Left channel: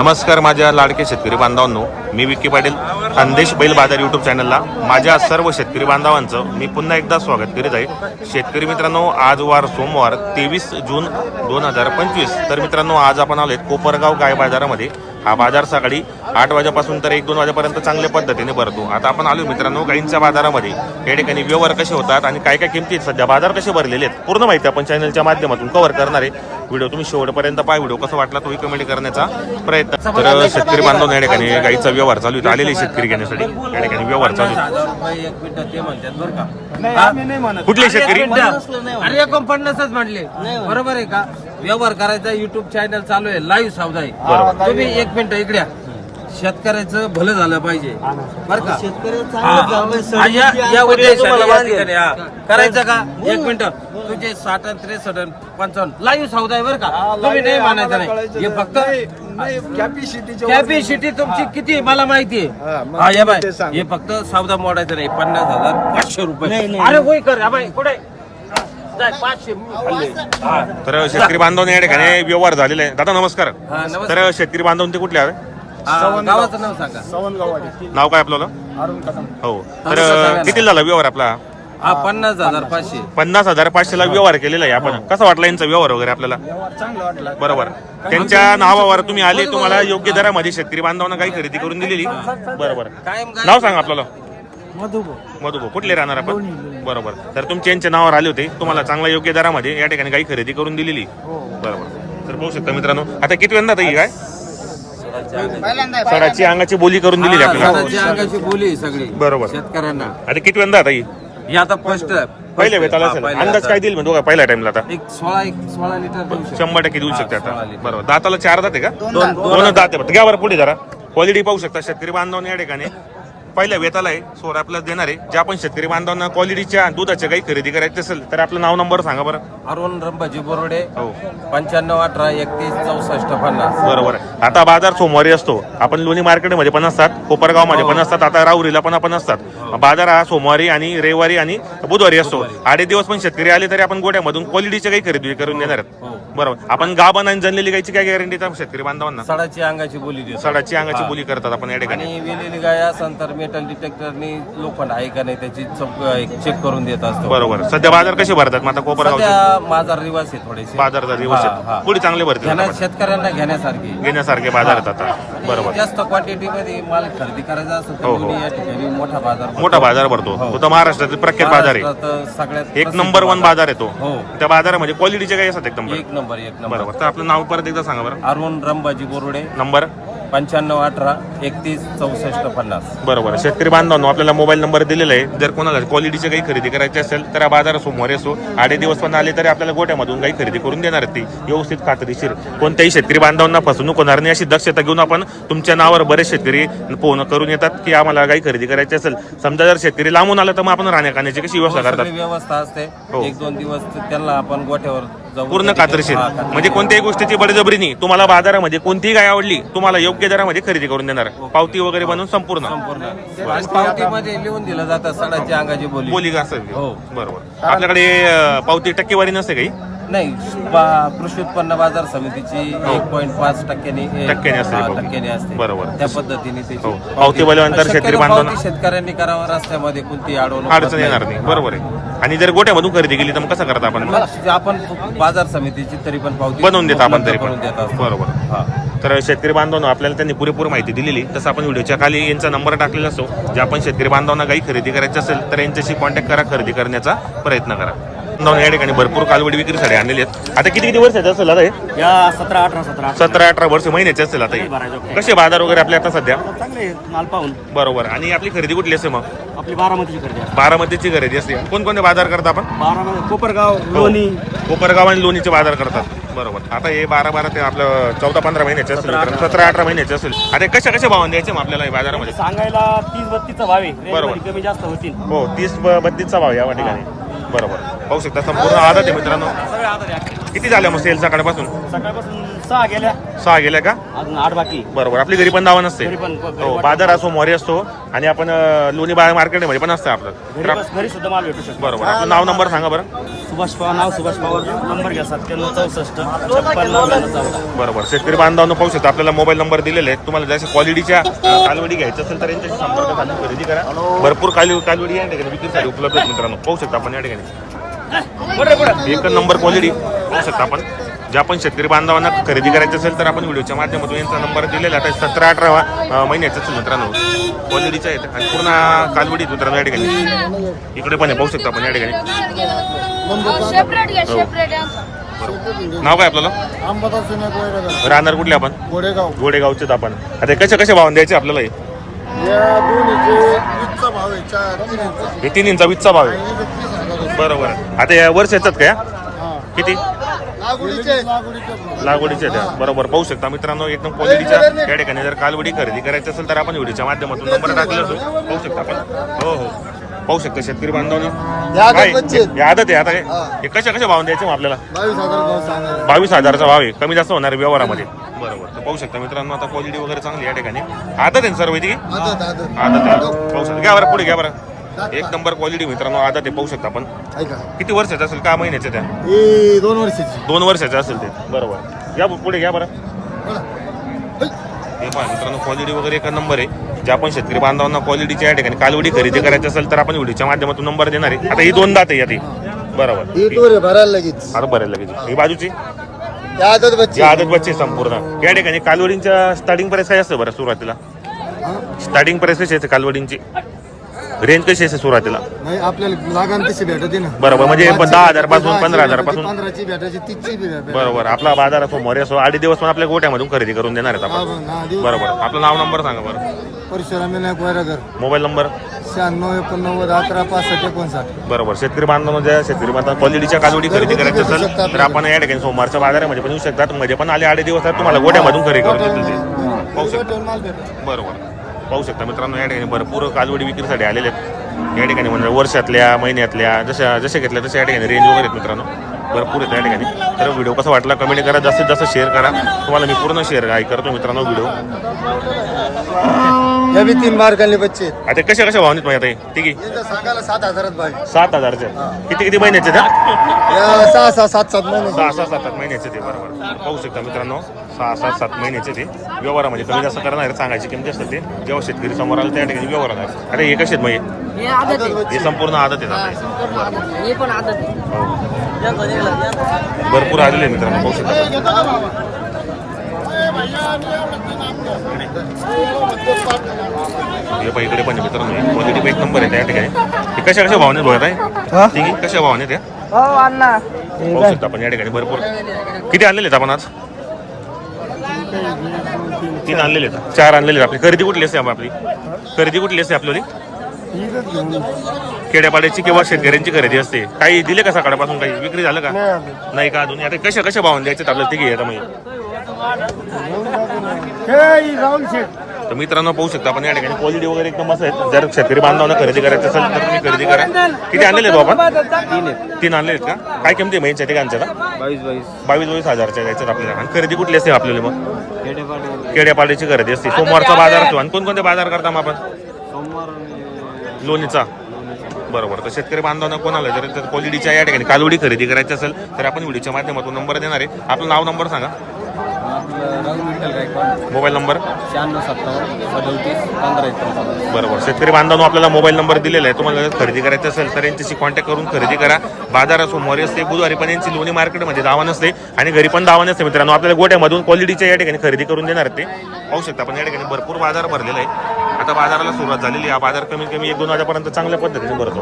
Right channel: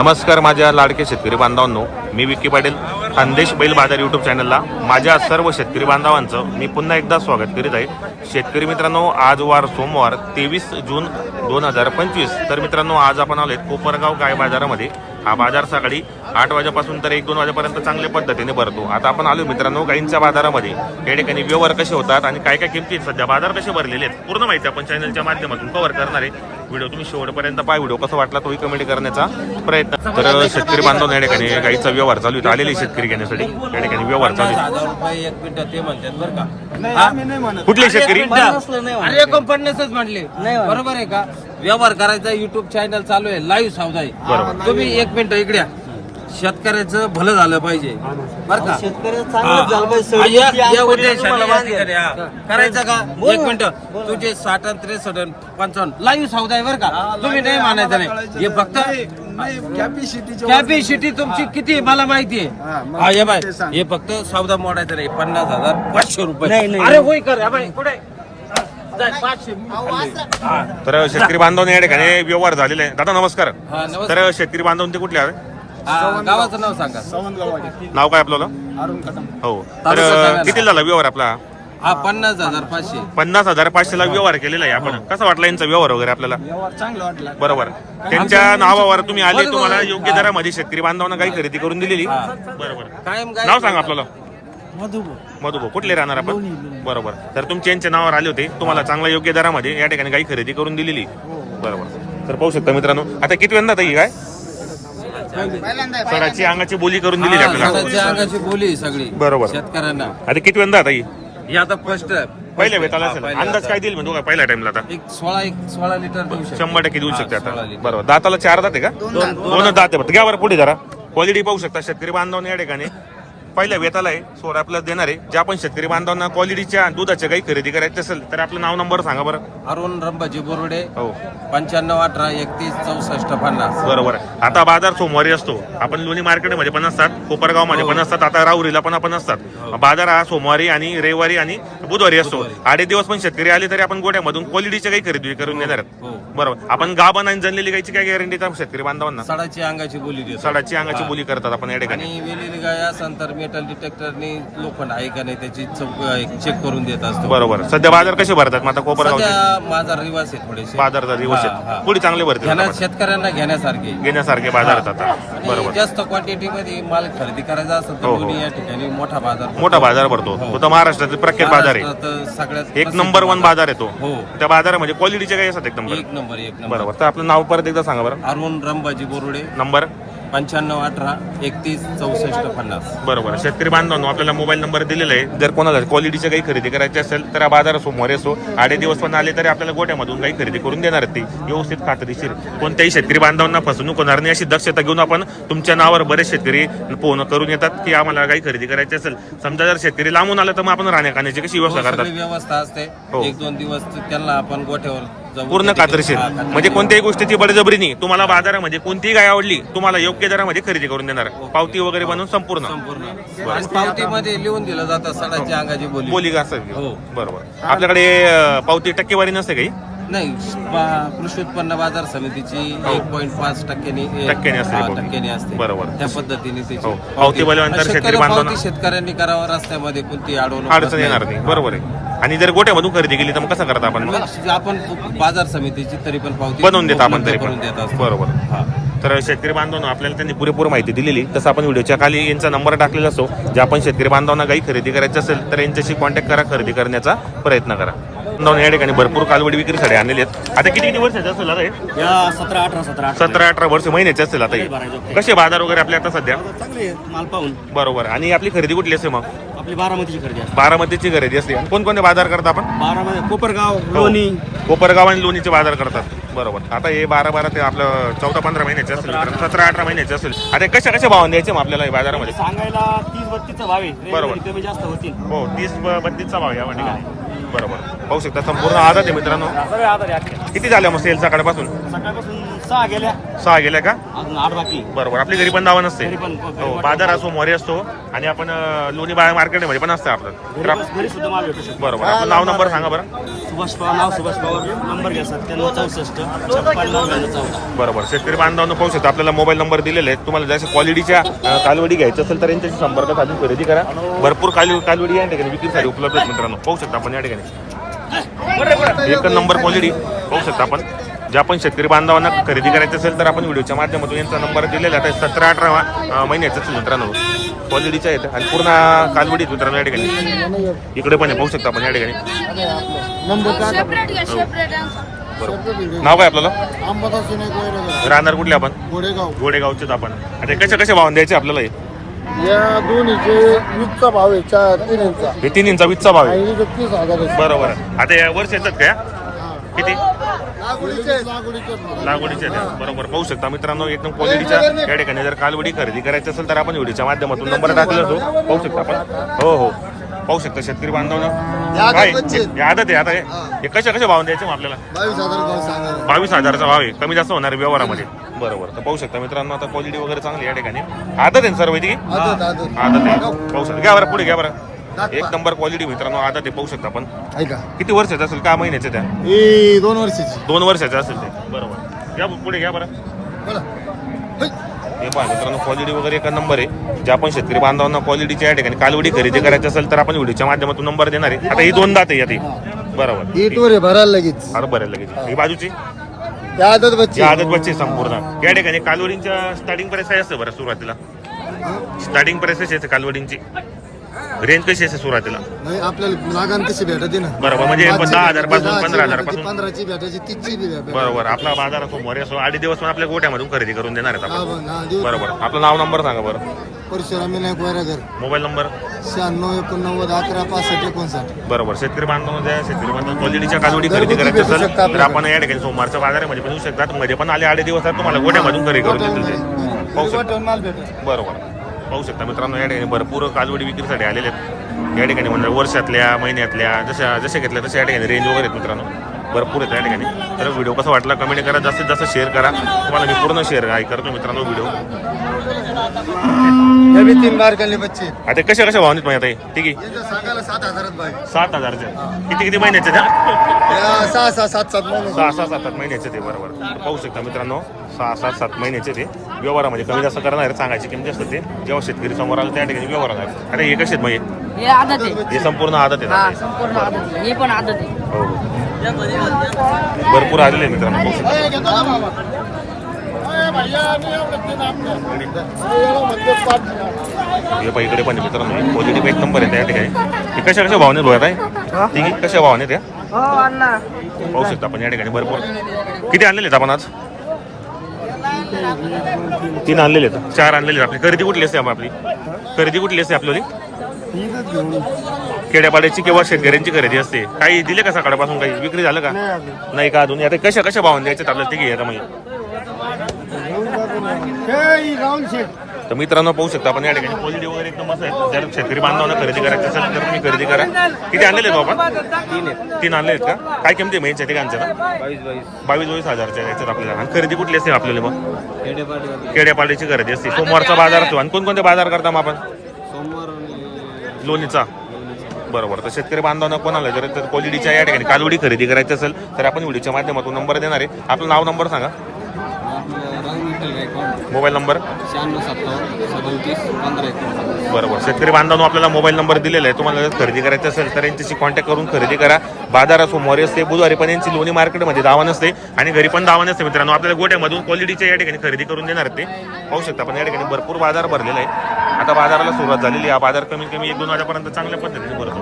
नमस्कार माझ्या लाडके शेतकरी बांधवांनो मी विक्की पाटील खानदेश बैल बाजार युट्यूब चॅनलला माझ्या सर्व शेतकरी बांधवांचं मी पुन्हा एकदा स्वागत करीत आहे. शेतकरी मित्रांनो आज वार सोमवार तेवीस जून दोन हजार पंचवीस. तर मित्रांनो आज आपण आलोय कोपरगाव गाय बाजारामध्ये. हा बाजार सकाळी आठ वाजेपासून तर एक दोन वाजेपर्यंत चांगल्या पद्धतीने भरतो. आता आपण आलो मित्रांनो गाईंच्या बाजारामध्ये. या ठिकाणी व्यवहार कसे होतात आणि काय काय किमती आहेत? सध्या बाजार कसे भरलेले आहेत? पूर्ण माहिती आपण चॅनलच्या माध्यमातून कव्हर करणार आहे. व्हिडिओ तुम्ही शेवटपर्यंत पाय व्हिडिओ कसा वाटला तोही कमेंट करण्याचा प्रयत्न. तर शेतकरी बांधव या ठिकाणी गाईचा व्यवहार चालू आहे. आलेले शेतकरी घेण्यासाठी. या ठिकाणी व्यवहार चालू हजार रुपये एक मिनिट ते म्हणतात बरं का? कुठले शेतकरी. अरे एकोणपन्नासच म्हणले. बरोबर आहे का? व्यवहार करायचा युट्यूब चॅनल चालू आहे. लाईव्ह सावधा. तुम्ही एक मिनिट इकडे या. शेतकऱ्याचं भलं झालं पाहिजे. बरं का? हा, या- या उद्देशाने या ठिकाणी, हा. करायचं का? एक मिनिट. तुझे साठ आणि त्रेसष्ट आणि पंचावन्न. लाईव्ह सावधा आहे बरं का? तुम्ही नाही मानायचं नाही. हे फक्त कॅपॅसिटी तुमची किती मला माहिती आहे. हा हे बाय. हे फक्त सौदा मोडायचं नाही. पन्नास हजार पाचशे रुपये. अरे होय कर. बाय. कुठे? हा, जाय, पाचशे. हा, तर शेतकरी बांधव या ठिकाणी व्यवहार झालेले आहे. दादा नमस्कार. हा, नमस्कार. तर शेतकरी बांधव ते कुठले आहे हा, गावाचं नाव सांगा. नाव काय आपलं अरुण कदम. हो. तर किती झाला व्यवहार आपला? हा पन्नास हजार पाचशे. पन्नास हजार पाचशे ला व्यवहार केलेला आहे आपण. कसा वाटला यांचा व्यवहार वगैरे आपल्याला? व्यवहार चांगला वाटला. बरोबर. त्यांच्या नावावर तुम्ही आले तुम्हाला योग्य दरामध्ये शेतकरी बांधवांना काही खरेदी करून दिलेली. बरोबर. कायम नाव सांगा आपल्याला. मधुबो मधुभाऊ कुठले राहणार आपण? बरोबर. तर तुमचे यांच्या नावावर आले होते. तुम्हाला चांगला योग्य दरामध्ये या ठिकाणी काही खरेदी करून दिलेली. बरोबर. तर पाहू शकता मित्रांनो. आता किती वेळा ताई काय? सडाची अंगाची बोली करून आपल्याला. सणाची अंगाची बोली आहे सगळी बरोबर. शेतकऱ्यांना. आता किती वेळा आता ही? हे आता फर्स्ट पहिल्या वेताला असेल. अंदाज काय देईल म्हणजे पहिल्या टाइमला आता? एक सोळा एक सोळा लिटर देऊ शकतो. शंभर टक्के देऊ शकते आता. बरोबर. दाताला चार दाते का? दोन- दोन दाते घ्या बरं पुढे जरा. क्वालिटी पाहू शकता शेतकरी बांधवांना या ठिकाणी. पहिल्या वेताला आहे सोळा आपल्याला देणार आहे. ज्या पण शेतकरी बांधवांना क्वालिटीच्या दुधाच्या काही खरेदी करायची असेल तर आपलं नाव नंबर सांगा बरं. अरुण रंबाजी बोर्डे हो. पंच्याण्णव अठरा एकतीस चौसष्ट पन्नास. बरोबर आता बाजार सोमवारी असतो. आपण लोणी मार्केटमध्ये पण असतात कोपरगावमध्ये पण असतात आता राहुरीला पण आपण असतात. बाजार हा सोमवारी आणि रविवारी आणि बुधवारी असतो. आडे दिवस पण शेतकरी आले तरी आपण गोट्यामधून क्वालिटीच्या काही खरेदी करून देणार आहेत. हो. बरोबर. आपण आणि जनलेली गायची काय गॅरंटी शेतकरी बांधवांना? सडाची अंगाची बोली देतो. सडाची अंगाची बोली करतात आपण या ठिकाणी. आणि वेलेली गाय असेल तर मेटल डिटेक्टरनी लोखंड आहे का नाही त्याची चेक करून देत असतो. बरोबर. सध्या बाजार कसे भरतात? आता कोपरगावचे? सध्या माझा रिवाज आहे थोडेसे. बाजारचा दिवस हा, आहेत. हा. पुढे चांगले भरतील आता घेण्या बाजार. शेतकऱ्यांना घेण्यासारखे. घेण्यासारखे बाजार आहेत आता. आणि बरोबर. जास्त क्वांटिटी मध्ये माल खरेदी करायचा असेल तर हो, हो. दोन्ही या ठिकाणी मोठा बाजार भरतो. मोठा बाजार भरतो. हो. तो तर महाराष्ट्रातील प्रख्यात बाजार आहे. महाराष्ट्रात सगळ्यात एक प्रसिद्ध नंबर वन बाजार. आहे तो. हो. त्या बाजारामध्ये क्वालिटीचे काही असतात एकदम एक नंबर एक नंबर. बरोबर. तर आपलं नाव परत एकदा सांगा बरं. अरुण रंबाजी बोरुडे. नंबर? पंच्याण्णव अठरा एकतीस चौसष्ट पन्नास. बरोबर. शेतकरी बांधवांनो आपल्याला मोबाईल नंबर दिलेला आहे. जर कोणाला क्वालिटीचे काही खरेदी करायची असेल तर हा बाजार सोमवारी असो आडे दिवस पण आले तरी आपल्याला गोट्यामधून काही खरेदी करून देणार ती. व्यवस्थित खात्रीशीर कोणत्याही शेतकरी बांधवांना फसवणूक होणार नाही अशी दक्षता घेऊन आपण तुमच्या नावावर बरेच शेतकरी फोन करून येतात की आम्हाला काही खरेदी करायची असेल. समजा जर शेतकरी लांबून आला तर मग आपण राहण्या खाण्याची कशी व्यवस्था करतात सगळी व्यवस्था असते. हो. एक दोन दिवस त्यांना आपण गोठ्यावर पूर्ण हा, खात्रीशीर. म्हणजे कोणत्याही गोष्टीची बळजबरी नाही. तुम्हाला बाजारामध्ये कोणतीही गाय आवडली तुम्हाला योग्य दरामध्ये खरेदी करून देणार. पावती वगैरे बनवून संपूर्ण. पावतीमध्ये लिहून दिलं जातं सडाची अंगाची बोली. बोली का असेल हो. बरोबर. आपल्याकडे अं, पावती टक्केवारी नसते काही? नाही बा- कृषी उत्पन्न बाजार समितीची हो. एक पॉईंट पाच टक्क्याने टक्क्याने असते हा. टक्क्याने असते. बरोबर. त्या पद्धतीने त्याची हो. पावती बोलल्यानंतर शक्यतो शेतकरी बांधवांना- पावती शेतकऱ्यांनी करावं रस्त्यामध्ये कोणती अडवणूक अडचण येणार नाही. बरोबर आहे. आणि जर गोट्यामधून खरेदी केली तर मग कसं करता आपण मग? आपण बाजार समितीची तरी पण पावती बनवून देता आपण तरी पण. करून देत असतो. बरोबर. हा. तर शेतकरी बांधवांना आपल्याला त्यांनी पुरेपूर माहिती दिलेली. तसं आपण व्हिडिओच्या खाली यांचा नंबर टाकलेला असतो. जे आपण शेतकरी बांधवांना काही खरेदी करायची असेल तर यांच्याशी कॉन्टॅक्ट करा खरेदी करण्याचा प्रयत्न करा. बांधवांनो, या ठिकाणी भरपूर कालवडी विक्रीसाठी आणलेले आहेत. आता किती किती वर्षाचे असेल आता हे? या सतरा अठरा सतरा अठरा. सतरा अठरा वर्ष महिन्याचे असेल आता हे. कसे बाजार वगैरे आपले आता सध्या? आहे, माल पाहून. बरोबर. आणि आपली खरेदी कुठली असते मग? आपली बारामतीची खरेदी आहे बारामतीची खरेदी असते. आणि कोणकोणते बाजार करता आपण? बारामध्ये कोपरगाव हो. लोणी. कोपरगाव आणि लोणीचे बाजार करतात. बरोबर. आता हे बारा बारा ते आपलं चौदा पंधरा महिन्याचे असेल मित्रांनो. सतरा अठरा महिन्याचे असेल. आता कशा कशा भावाने द्यायचे मग आपल्याला हे बाजारामध्ये? सांगायला तीस बत्तीसचा भाव आहे. बरोबर. कमी जास्त होतील. हो तीस ब- बत्तीसचा भाव या ठिकाणी बरोबर. पाहू शकता संपूर्ण आदत आहे मित्रांनो. किती झाल्या मग सेल सकाळपासून? सकाळपासून सहा गेल्या. सहा गेल्या का? अजून आठ बाकी. बरोबर आपली घरी पण दावा नसते घरी पण घरी हो पण- बाजार असो मोरी असतो आणि आपण अं, लोणी बाजार मार्केटमध्ये पण असतं आपलं. तर आप- घरी घरी सुद्धा माल भेटू शकतो. बरोबर आपलं नाव नंबर सांगा बरं. सुभाष पवार नाव सुभाष पवार. नंबर घ्या सत्त्याण्णव चौसष्ट छप्पन्न नव्याण्णव चौदा. बरोबर शेतकरी बांधवांना पाहू शकता आपल्याला मोबाईल नंबर दिलेले आहेत. तुम्हाला जसं क्वालिटीच्या अं, कालवडी घ्यायचं असेल तर यांच्याशी संपर्क साधून खरेदी करा. भरपूर काल कालवडी या ठिकाणी विक्रीसाठी उपलब्ध आहेत मित्रांनो. पाहू शकता आपण या ठिकाणी. एक नंबर क्वालिटी पाहू शकता आपण. ज्या पण शेतकरी बांधवांना खरेदी करायचं असेल तर आपण व्हिडिओच्या माध्यमातून यांचा नंबर दिलेला आहे. सतरा अठरा महिन्याचं असेल मित्रांनो. क्वालिटीच्या आहेत आणि पूर्ण कालवडी आहेत मित्रांनो या ठिकाणी. इकडे पण आहे पाहू शकता आपण या ठिकाणी. हो. सेपरेट बरोबर. नाव काय आपल्याला राहणार कुठले आपण? गोडेगाव गोडेगावचेच आपण. आता कशा कशा भावाने द्यायचे आपल्याला हे? या दोन्हीचे वीसचा भाव आहे चार तीन इंचा. हे तीन इंचा वीसचा भाव आहे? आणि इथे तीस हजार आहे. बरोबर. आता या वर्षाच्यात काय हा. किती? लागवडीचे लागवडीचे भाव. लागवडीच्या बरोबर. पाहू शकता मित्रांनो एकदम क्वालिटीच्या या ठिकाणी जर कालवडी खरेदी करायची असेल तर आपण व्हिडिओच्या माध्यमातून नंबर टाकलेला असो. पाहू शकता आपण. हो हो. पाहू शकता शेतकरी बांधवांना. या काय? आदत बच्चे. हे आहे आता हे हे. कशा कशा भाव द्यायचे मग आपल्याला? बावीस हजार भाव बावीस हजाराचा भाव आहे. कमी जास्त होणार आहे व्यवहारामध्ये. बरोबर. तर पाहू शकता मित्रांनो आता क्वालिटी वगैरे चांगली या ठिकाणी. आदत आहे ना सर्व ती आदत आदत. आदत आहे. पाहू शकता. घ्या बरं पुढे घ्या बरं. एक नंबर क्वालिटी मित्रांनो आदत आहे. पाहू शकता आपण. ऐका किती वर्षाचं असेल? का महिन्याचे त्या? ही दोन वर्षाची. दोन वर्षाचे असेल ते. बरोबर. या पुढे घ्या बरं. बोला. है. हे पहा मित्रांनो क्वालिटी वगैरे एका नंबर आहे. जे आपण शेतकरी बांधवांना क्वालिटीच्या या ठिकाणी कालवडी खरेदी करायची असेल तर आपण व्हिडिओच्या माध्यमातून नंबर देणार आहे. आता ही दोन दात आहे. बरोबर. ही टोर आहे भरायला लगेच. अरे लगेच. ही बाजूची? आदत बच्चे. आदत बच्चे संपूर्ण. या ठिकाणी कालवडींच्या स्टार्टिंग प्राइस काय असतं बरं सुरुवातीला? स्टार्टिंग प्राइस कशी असते कालवडींची? रेंज कशी असते सुरुवातीला? नाही आपल्याला लागान तशी भेटते ना. बरोबर, म्हणजे दहा हजारपासून, पंधरा हजारपासून. पंधराची भेटायची तीसची भेटायची. बरोबर आपला बाजार असो मोरे असो आधी दिवस पण आपल्या गोट्यामधून खरेदी करून देणार आहेत आपण. बरोबर. आपलं नाव नंबर सांगा बरं. परशुराम विनायक वैरागर. Mobile number? शहाण्णव एकोणनव्वद अकरा पासष्ट एकोणसाठ. बरोबर. शेतकरी बांधवांमध्ये शेतकरी बांधव क्वालिटीच्या कालवडी खरेदी करायची असेल तर आपण या ठिकाणी सोमवारच्या बाजारामध्ये पण येऊ शकतात. मध्ये पण आले आडे दिवस तुम्हाला गोट्यामधून खरेदी करून देतील ते. पाहू शकता. बरोबर. पाहू शकता मित्रांनो या ठिकाणी भरपूर काजवडी विक्रीसाठी आलेले आहेत. या ठिकाणी म्हणजे वर्षातल्या महिन्यातल्या जशा जशा घेतल्या तशा या ठिकाणी रेंज वगैरे आहेत मित्रांनो. भरपूर आहेत या ठिकाणी. तर व्हिडिओ कसा वाटला कमेंट करा. जास्तीत जास्त शेअर करा. तुम्हाला मी पूर्ण शेअर काय करतो मित्रांनो व्हिडिओ. हे बी तीन मार्काले बच्चे. आता कशा कशा भावनीत माहिती आहे? ठीक आहे. इथं सांगायला सात हजारात बाय सात हजारचं. किती किती महिन्याचे त्या सहा सहा सात सात महिने सहा सहा सात आठ महिन्याचे ते बरोबर. तर पाहू शकता मित्रांनो सहा सात सात महिन्याचे ते व्यवहारामध्ये कमी जास्त करणार आहे, सांगायची किंमत जास्त ते जेव्हा शेतकरी समोर आला त्या ठिकाणी व्यवहार होणार अरे हे कसे आहेत मग हे आदत आहे. हे संपूर्ण आदत आहे हा, आता. संपूर्ण बरोबर. आदत आहे. हे पण आदत आहे. हो हो. भरपूर आलेले आहे मित्रांनो पाहू शकता. पाहिजे इकडे पण आहे मित्रांनो हे पॉझिटिव्ह एक नंबर आहे त्या ठिकाणी. हे कशा कशा भावने भरत आहे ठीक आहे कशा भावने त्या पाहू शकता आपण या ठिकाणी भरपूर. किती आणलेले आहेत आपण आज? तीन आणलेले आहेत. चार आणलेले आहेत आपली. खरेदी कुठली असते आपली? खरेदी कुठली असते ये. खेड्यापाड्याची किंवा शेतकऱ्यांची खरेदी असते. काही दिले का सकाळपासून? काही विक्री झालं का? नाही का अजून? आता कशा कशा भावाने द्यायचे आपल्याला? तिघे आता म्हणजे. हे, ही राहुल शेठ. तर मित्रांनो पाहू शकता आपण या ठिकाणी क्वालिटी वगैरे एकदम असं आहे जर शेतकरी बांधवांना खरेदी करायचं असेल तर तुम्ही खरेदी करा. किती आणलेले आहेत हो आपण? तीन आहेत. तीन आणले आहेत का? काय किमती आहे महिन्याच्या ठिकाणच्या ना? बावीस बावीस. बावीस बावीस हजारच्या याच्यात आपल्याला. आणि खरेदी कुठली असते आपल्याला मग? खेडेपाडीवर खेड्यापाड्याची खरेदी असते. सोमवारचा बाजार असतो. आणि कोणकोणते बाजार करता मग आपण? सोमवार आणि लोणीचा. बरोबर. तर शेतकरी बांधवांना कोणाला जर तर क्वालिटीच्या या ठिकाणी कालवडी खरेदी करायची असेल तर आपण व्हिडिओच्या माध्यमातून नंबर देणार आहे. आपलं नाव नंबर सांगा. Rahul Vitthal Gaikwad mobile number? शहाण्णव सत्तावन्न सदोतीस पंधरा एकोणपन्नास बरोबर. शेतकरी बांधवांनो आपल्याला मोबाईल नंबर दिलेला आहे. तुम्हाला जर खरेदी करायचं असेल तर यांच्याशी कॉन्टॅक्ट करून खरेदी करा. बाजारात सोमवारी असते बुधवारी पण यांची लोणी मार्केटमध्ये दावा नसते आणि घरी पण दावा नसते मित्रांनो. आपल्याला गोट्यामधून क्वालिटीच्या या ठिकाणी खरेदी करून देणार ते. पाहू शकता आपण या ठिकाणी भरपूर बाजार भरलेला आहे आता बाजाराला सुरुवात झालेली आहे. हा बाजार कमीत कमी एक दोन वाजेपर्यंत चांगल्या पद्धतीने भरतो.